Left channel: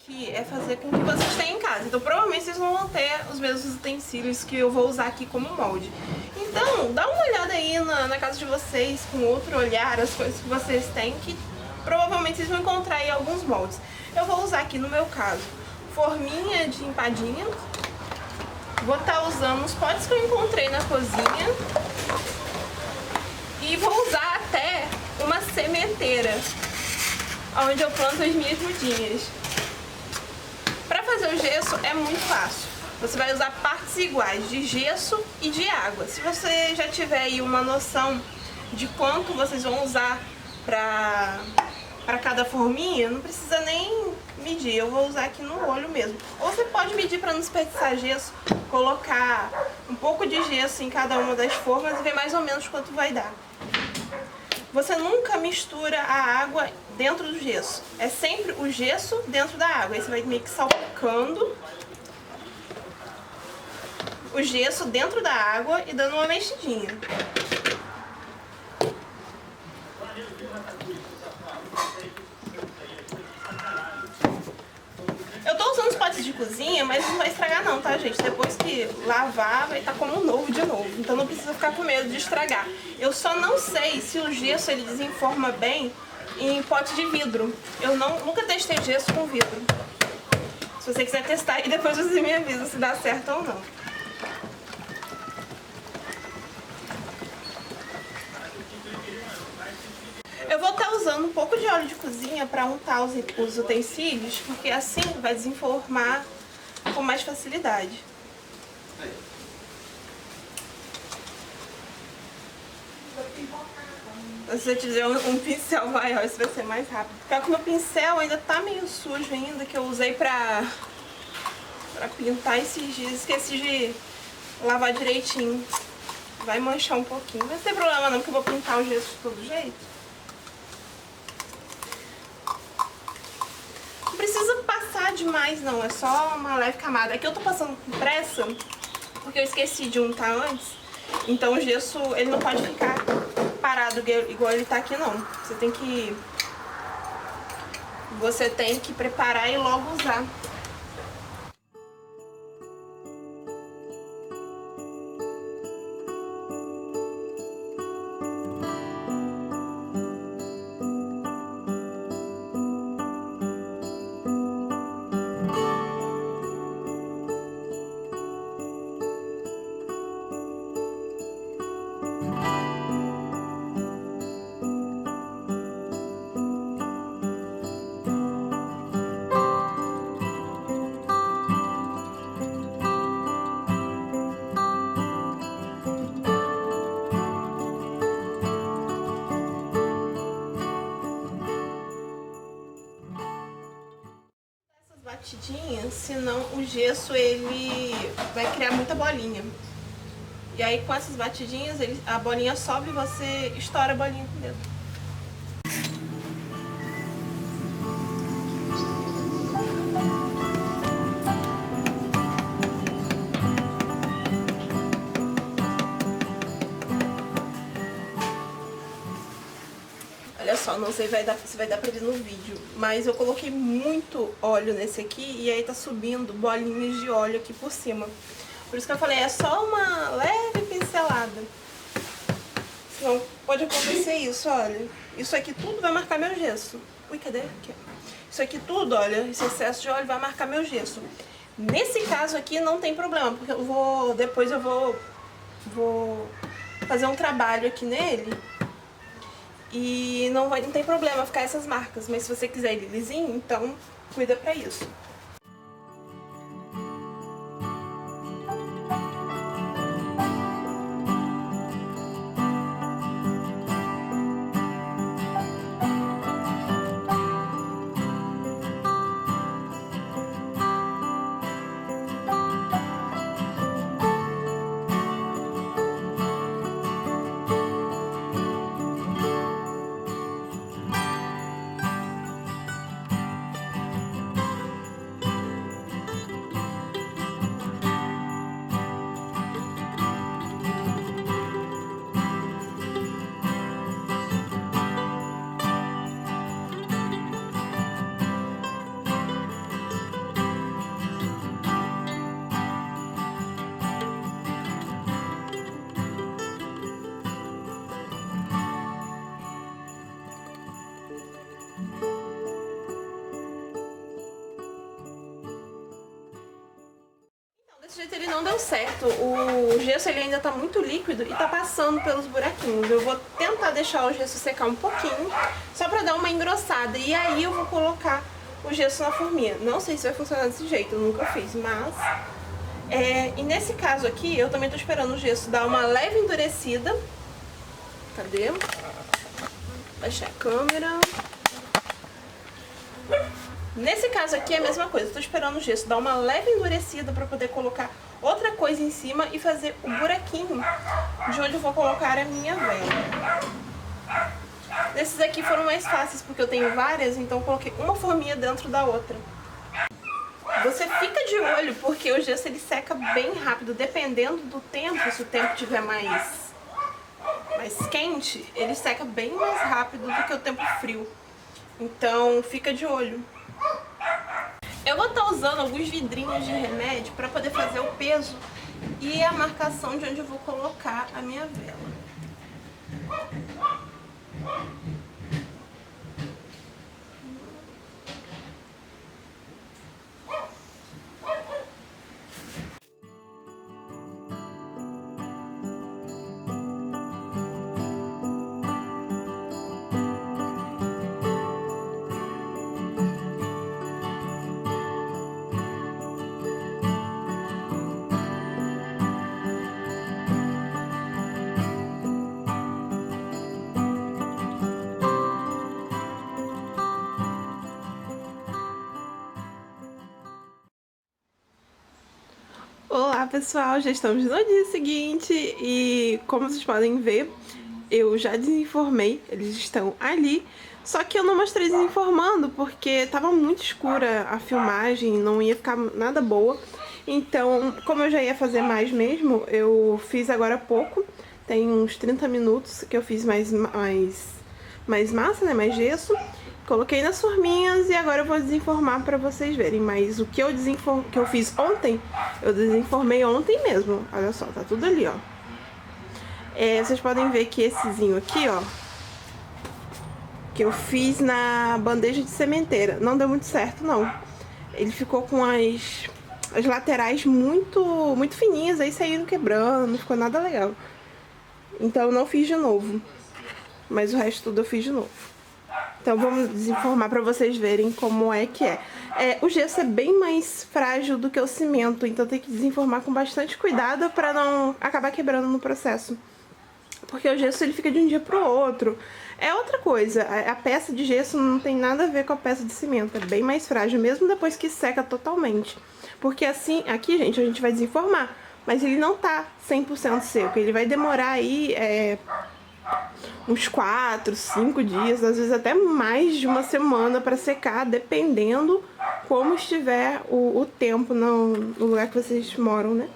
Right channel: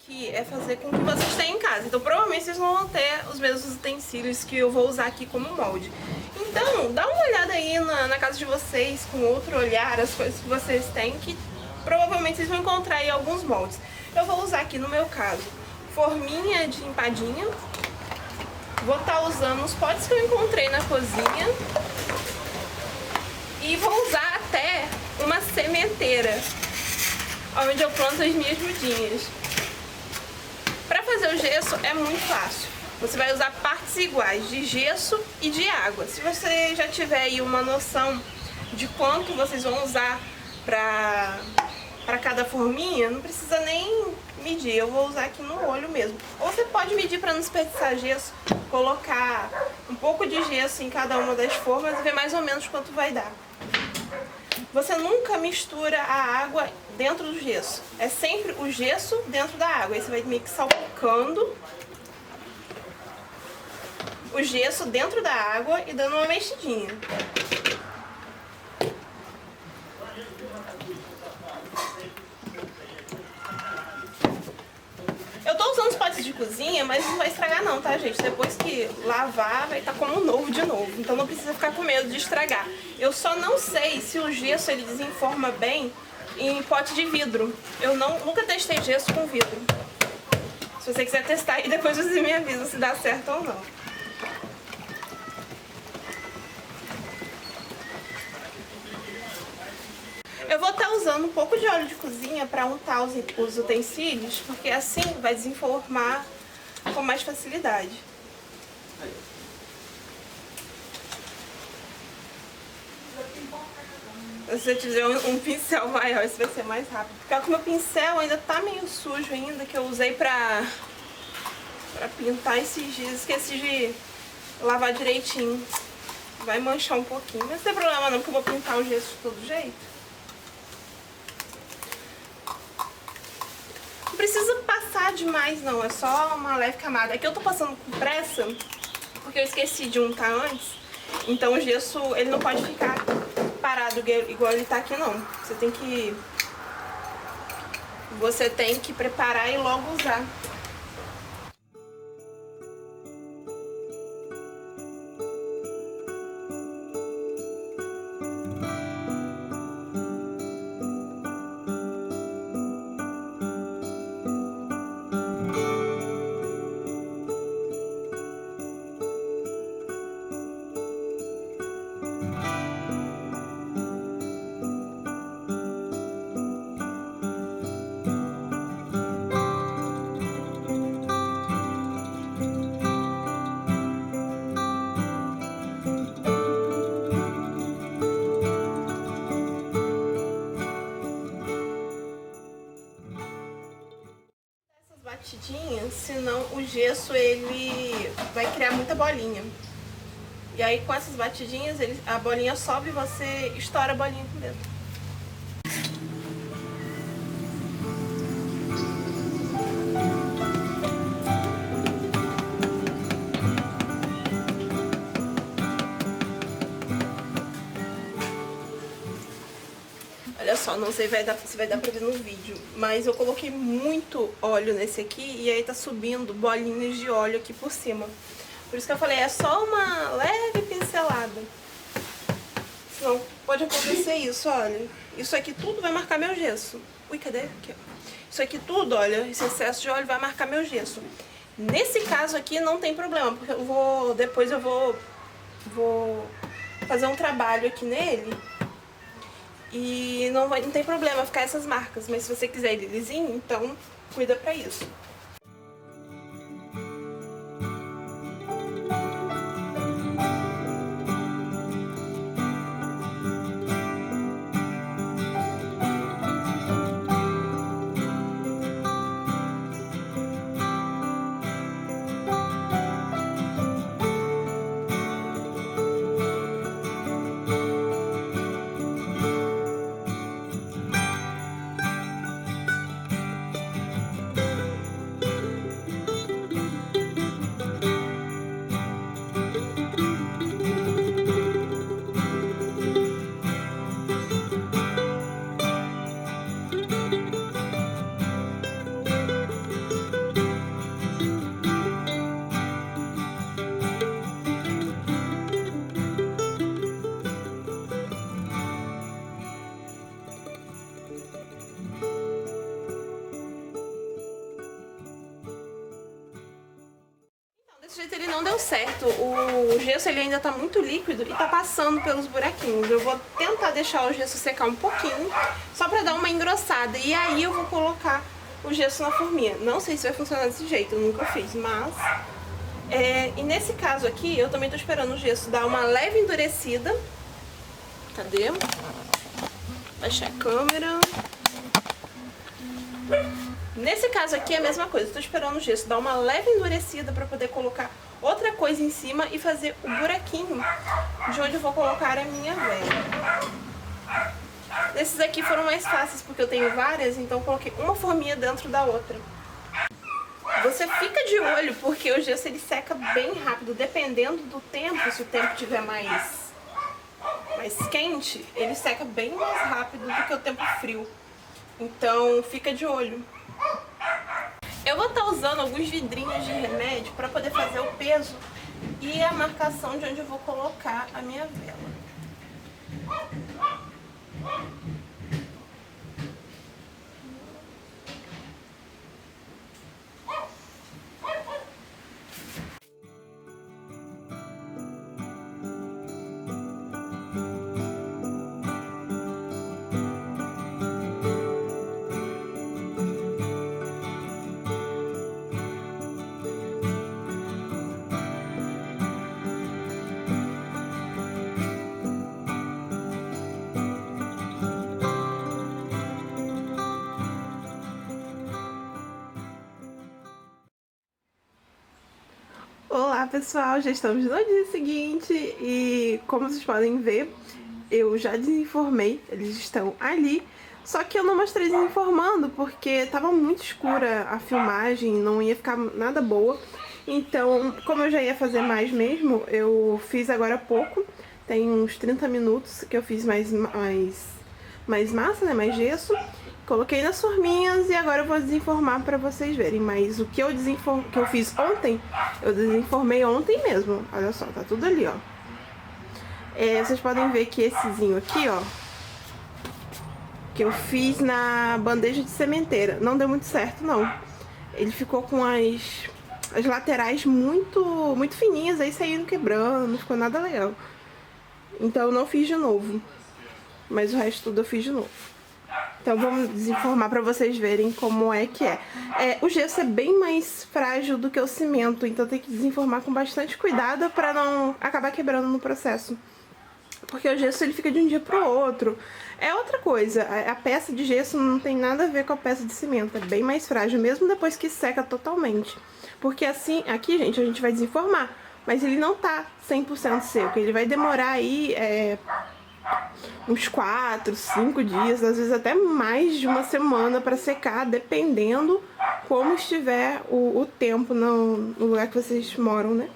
aqui é fazer com o que vocês têm em casa. Então provavelmente vocês não vão ter os mesmos utensílios que eu vou usar aqui como molde. Então dá uma olhada aí na casa de vocês, com outro olhar, as coisas que vocês têm, que provavelmente vocês vão encontrar aí alguns moldes. Eu vou usar aqui no meu caso forminha de empadinha. Vou estar usando os potes que eu encontrei na cozinha. E vou usar até uma sementeira, onde eu planto as minhas mudinhas. Para fazer o gesso é muito fácil. Você vai usar partes iguais de gesso e de água. Se você já tiver aí uma noção de quanto vocês vão usar para cada forminha, não precisa nem medir. Eu vou usar aqui no olho mesmo. Ou você pode medir para não desperdiçar gesso, colocar um pouco de gesso em cada uma das formas e ver mais ou menos quanto vai dar. Você nunca mistura a água dentro do gesso. É sempre o gesso dentro da água. Aí você vai meio que salpicando o gesso dentro da água e dando uma mexidinha. Eu tô usando os potes de cozinha, mas não vai estragar não, tá, gente? Depois que lavar, vai estar como novo de novo. Então não precisa ficar com medo de estragar. Eu só não sei se o gesso ele desenforma bem em pote de vidro. Eu nunca testei gesso com vidro. Se você quiser testar aí, depois você me avisa se dá certo ou não. Eu vou estar usando um pouco de óleo de cozinha para untar os utensílios, porque assim vai desenformar com mais facilidade. Se você tiver um pincel maior, isso vai ser mais rápido. Porque o meu pincel ainda tá meio sujo ainda, que eu usei pra pintar esses dias. Esqueci de lavar direitinho. Vai manchar um pouquinho, mas não tem problema não, porque eu vou pintar o gesso de todo jeito. Não precisa passar demais não, é só uma leve camada. Aqui eu tô passando com pressa, porque eu esqueci de untar antes. Então o gesso, ele não pode ficar parado igual ele tá aqui não. Você tem que preparar e logo usar. Batidinha, senão o gesso ele vai criar muita bolinha. E aí com essas batidinhas a bolinha sobe e você estoura a bolinha com o dedo. Olha só, não sei se vai dar pra ver no vídeo, mas eu coloquei muito óleo nesse aqui e aí tá subindo bolinhas de óleo aqui por cima. Por isso que eu falei, é só uma leve pincelada. Senão pode acontecer isso, olha. Isso aqui tudo vai marcar meu gesso. Ui, cadê? Aqui, ó. Isso aqui tudo, olha, esse excesso de óleo vai marcar meu gesso. Nesse caso aqui não tem problema, porque depois eu vou fazer um trabalho aqui nele. E não tem problema ficar essas marcas, mas se você quiser ele lisinho, então cuida pra isso. Desse jeito ele não deu certo, o gesso ele ainda tá muito líquido e tá passando pelos buraquinhos. Eu vou tentar deixar o gesso secar um pouquinho, só pra dar uma engrossada, e aí eu vou colocar o gesso na forminha. Não sei se vai funcionar desse jeito, eu nunca fiz, mas... e nesse caso aqui, eu também tô esperando o gesso dar uma leve endurecida. Cadê? Baixar a câmera. Nesse caso aqui é a mesma coisa, eu tô esperando o gesso dar uma leve endurecida pra poder colocar outra coisa em cima e fazer o buraquinho de onde eu vou colocar a minha vela. Esses aqui foram mais fáceis porque eu tenho várias, então eu coloquei uma forminha dentro da outra. Você fica de olho porque o gesso ele seca bem rápido, dependendo do tempo, se o tempo estiver mais quente, ele seca bem mais rápido do que o tempo frio. Então fica de olho. Eu vou estar usando alguns vidrinhos de remédio para poder fazer o peso e a marcação de onde eu vou colocar a minha vela. Olá pessoal, já estamos no dia seguinte e como vocês podem ver, eu já desenformei, eles estão ali, só que eu não mostrei desenformando porque estava muito escura a filmagem, não ia ficar nada boa. Então, como eu já ia fazer mais mesmo, eu fiz agora há pouco, tem uns 30 minutos que eu fiz mais massa, né, mais gesso. Coloquei nas forminhas e agora eu vou desenformar pra vocês verem. Mas o que eu fiz ontem, eu desenformei ontem mesmo. Olha só, tá tudo ali, ó. Vocês podem ver que essezinho aqui, ó, que eu fiz na bandeja de sementeira, não deu muito certo, não. Ele ficou com as laterais muito fininhas, aí saíram quebrando, não ficou nada legal. Então eu não fiz de novo. Mas o resto tudo eu fiz de novo. Então vamos desenformar pra vocês verem como é que é. O gesso é bem mais frágil do que o cimento, então tem que desenformar com bastante cuidado pra não acabar quebrando no processo. Porque o gesso ele fica de um dia pro outro. É outra coisa, a peça de gesso não tem nada a ver com a peça de cimento, é bem mais frágil, mesmo depois que seca totalmente. Porque assim, aqui gente, a gente vai desenformar, mas ele não tá 100% seco, ele vai demorar aí... uns 4, 5 dias, às vezes até mais de uma semana para secar, dependendo como estiver o tempo no lugar que vocês moram, né?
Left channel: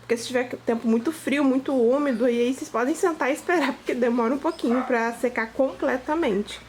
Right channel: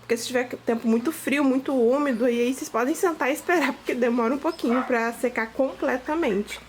Porque se tiver tempo muito frio, muito úmido, aí vocês podem sentar e esperar, porque demora um pouquinho para secar completamente.